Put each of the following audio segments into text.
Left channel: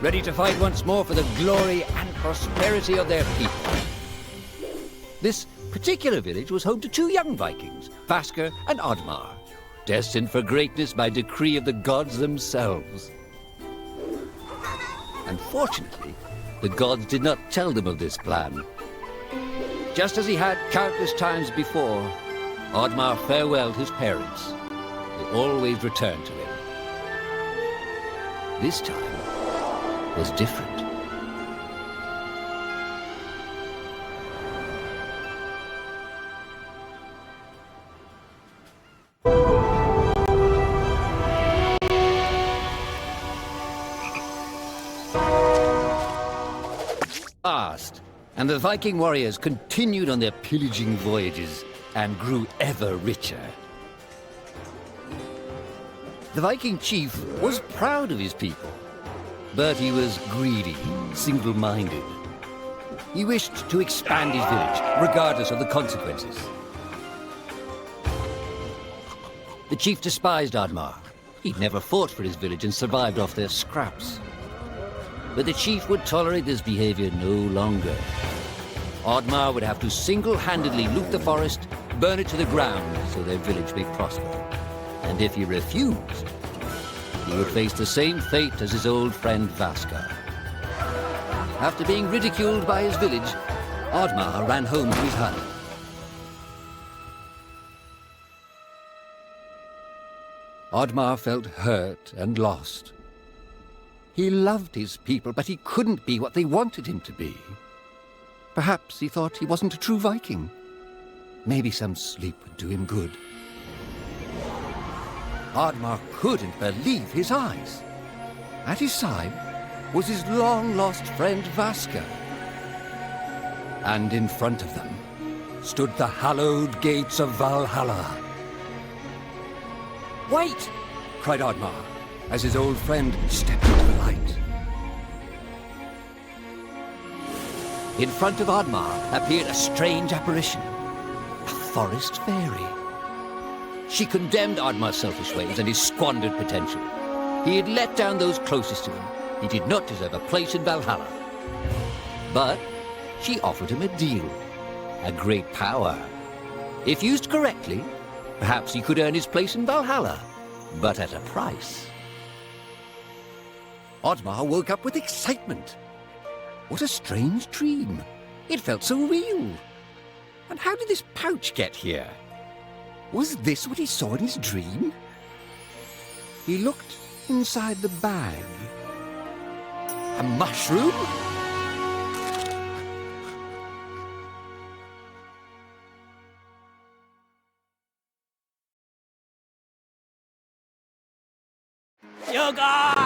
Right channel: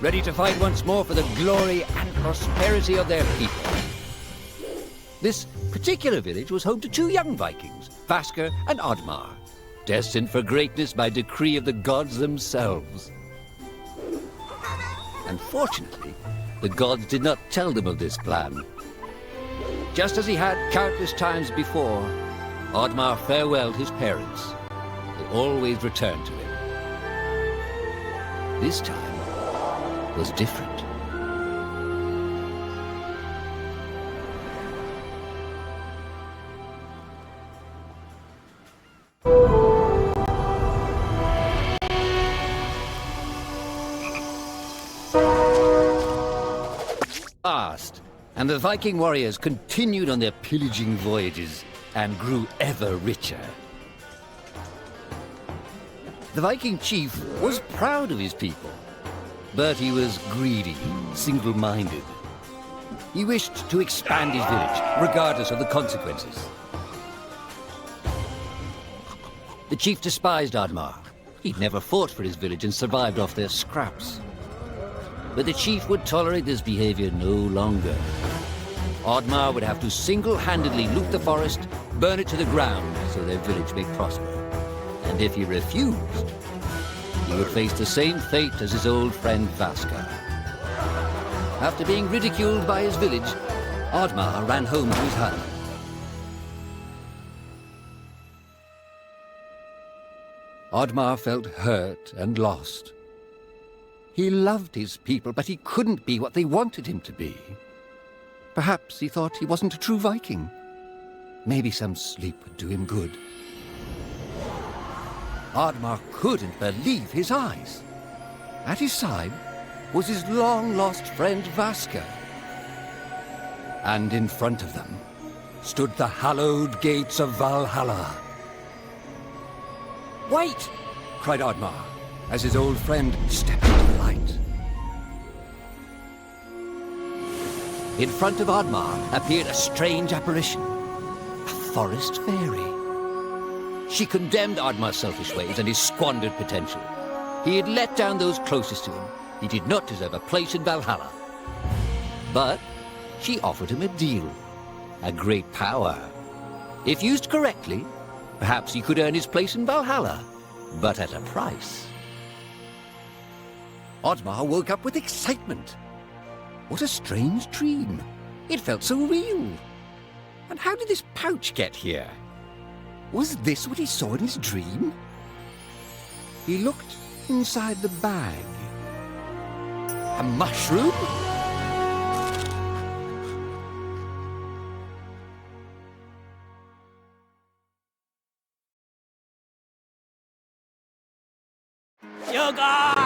ready to fight once more for the glory and prosperity of their people. This particular village was home to two young Vikings, Vasker and Oddmar, destined for greatness by decree of the gods themselves. Unfortunately, the gods did not tell them of this plan. Just as he had countless times before, Oddmar farewelled his parents. They always returned to him. This time was different. Fast, and the Viking warriors continued on their pillaging voyages and grew ever richer. The Viking chief was proud of his people, but he was greedy, single-minded. He wished to expand his village, regardless of the consequences. The chief despised Oddmar. He'd never fought for his village and survived off their scraps. But the chief would tolerate this behavior no longer. Oddmar would have to single-handedly loot the forest, burn it to the ground so their village may prosper. And if he refused, he would face the same fate as his old friend Vasker. After being ridiculed by his village, Oddmar ran home to his hut. Oddmar felt hurt and lost. He loved his people, but he couldn't be what they wanted him to be. Perhaps he thought he wasn't a true Viking. Maybe some sleep would do him good. Oddmar couldn't believe his eyes. At his side was his long-lost friend Vasker. And in front of them stood the hallowed gates of Valhalla. "Wait!" cried Oddmar, as his old friend stepped into the light. In front of Oddmar appeared a strange apparition, a forest fairy. She condemned Oddmar's selfish ways and his squandered potential. He had let down those closest to him. He did not deserve a place in Valhalla. But she offered him a deal, a great power. If used correctly, perhaps he could earn his place in Valhalla, but at a price. Oddmar woke up with excitement. What a strange dream. It felt so real. And how did this pouch get here? Was this what he saw in his dream? He looked inside the bag. A mushroom? Yogar!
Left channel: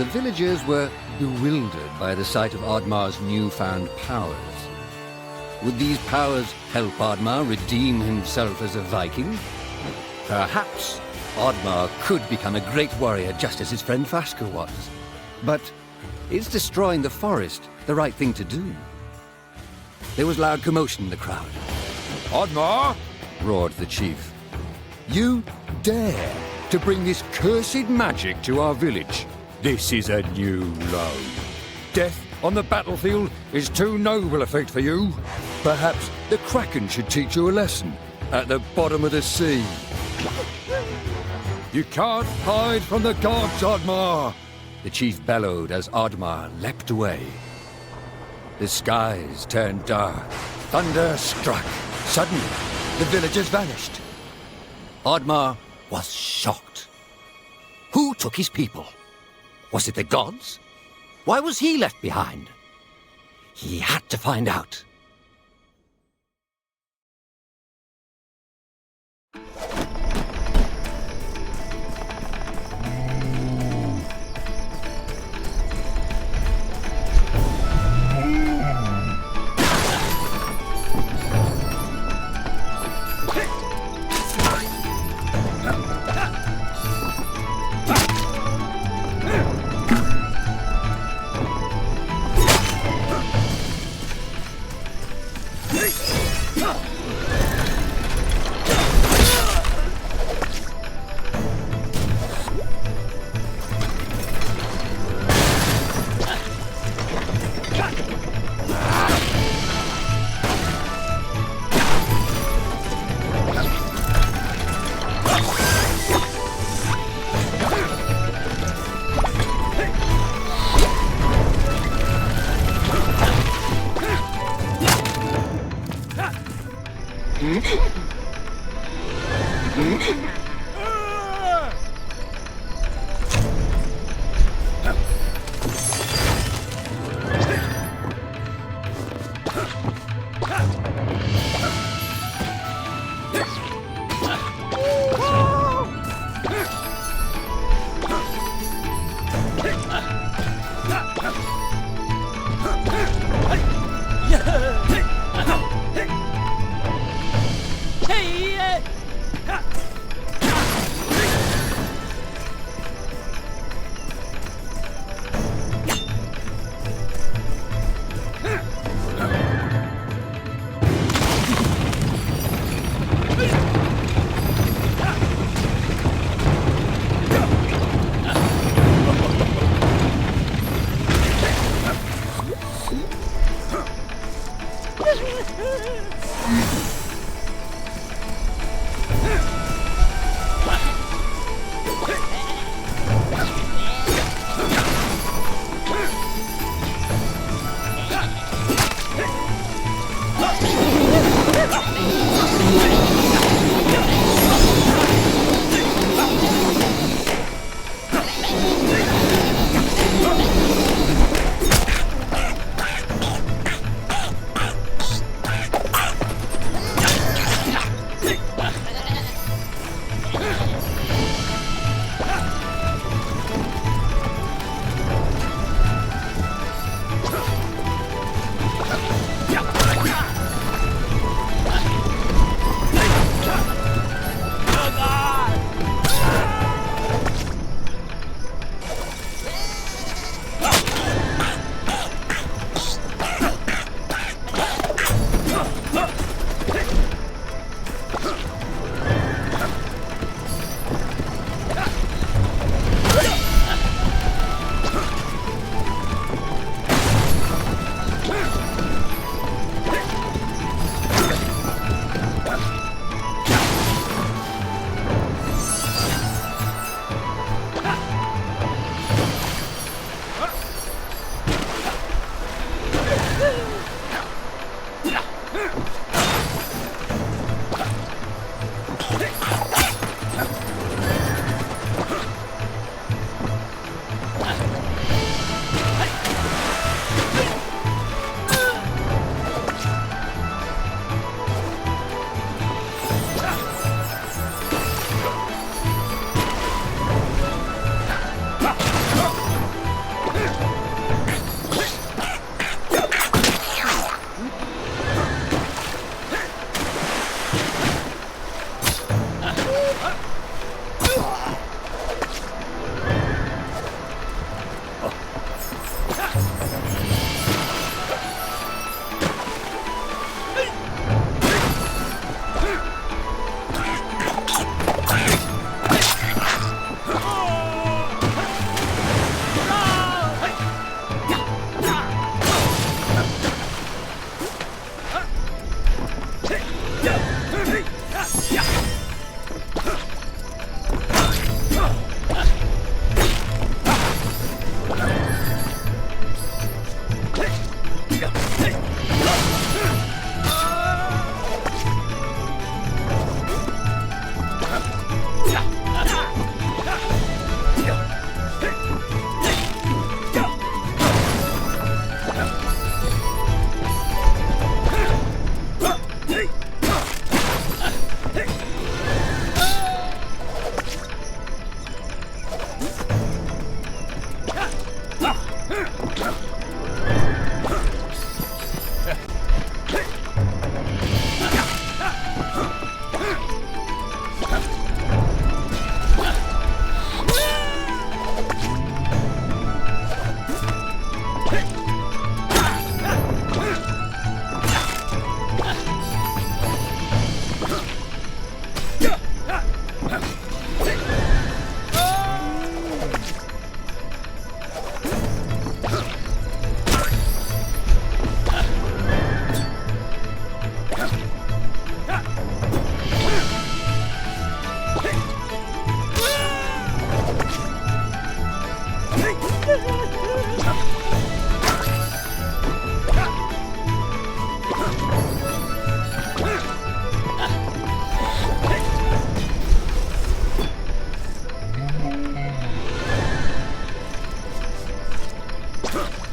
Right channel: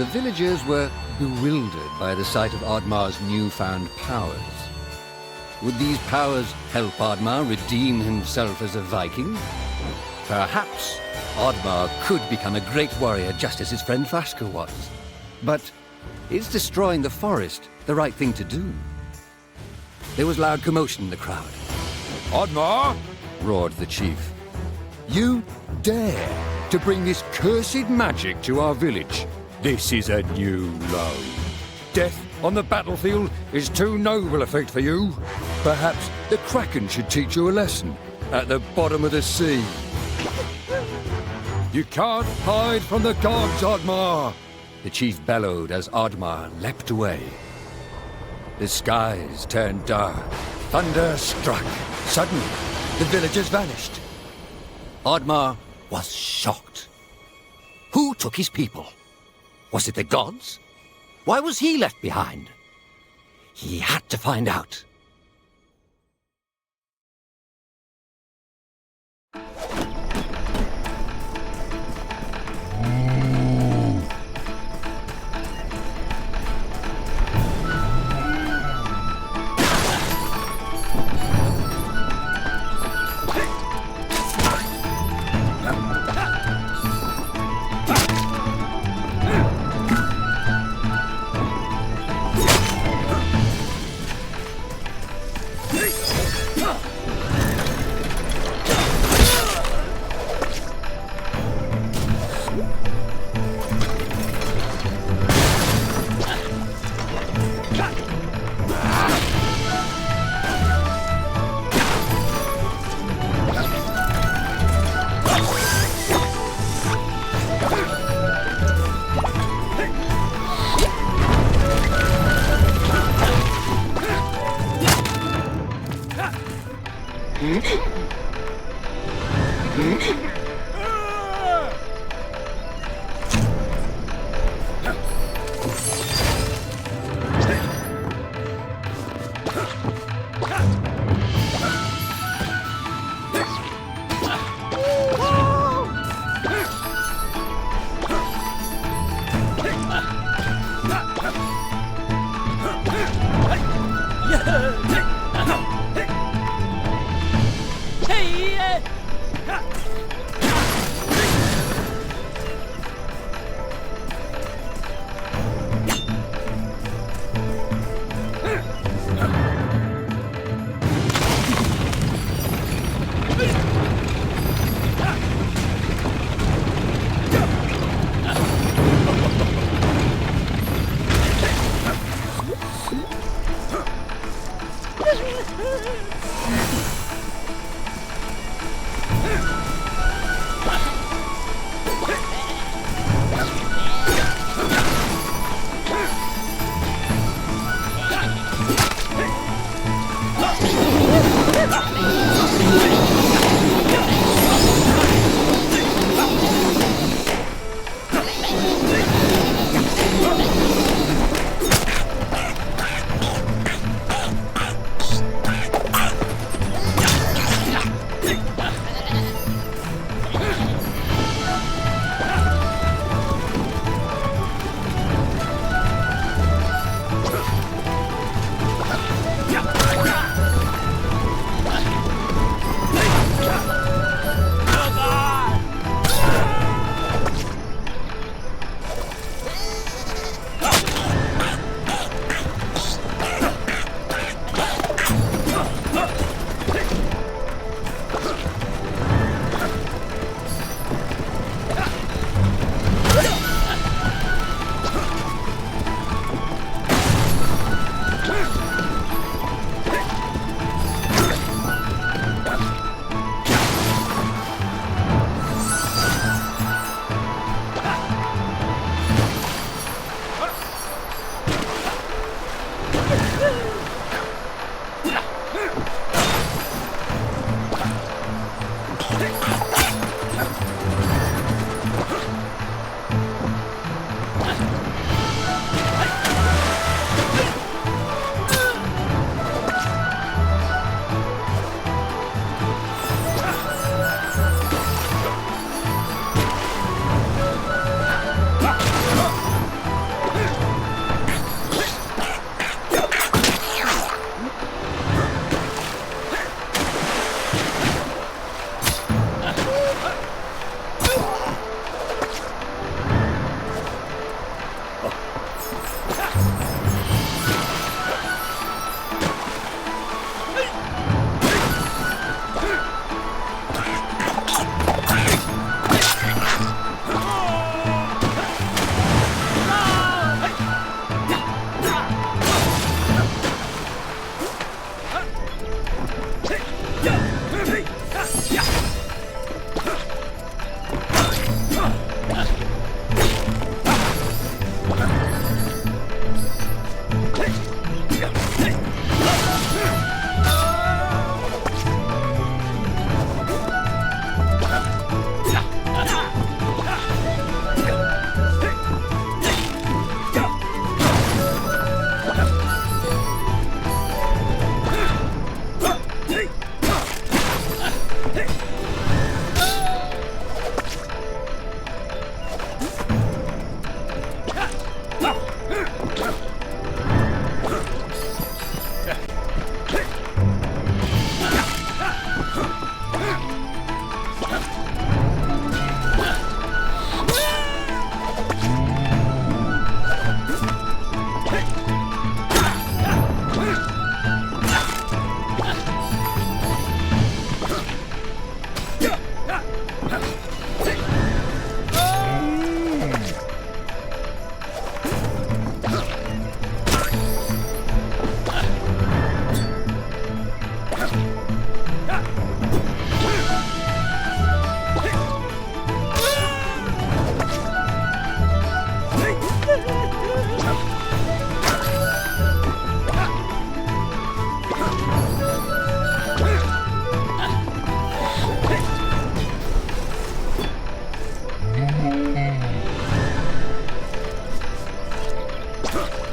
The villagers were bewildered by the sight of Oddmar's newfound powers. Would these powers help Oddmar redeem himself as a Viking? Perhaps Oddmar could become a great warrior just as his friend Vaska was. But is destroying the forest the right thing to do? There was loud commotion in the crowd. Oddmar! Roared the chief. You dare to bring this cursed magic to our village? This is a new low. Death on the battlefield is too noble a fate for you. Perhaps the Kraken should teach you a lesson at the bottom of the sea. You can't hide from the gods, Oddmar! The chief bellowed as Oddmar leapt away. The skies turned dark. Thunder struck. Suddenly, the villagers vanished. Oddmar was shocked. Who took his people? Was it the gods? Why was he left behind? He had to find out. Hurray!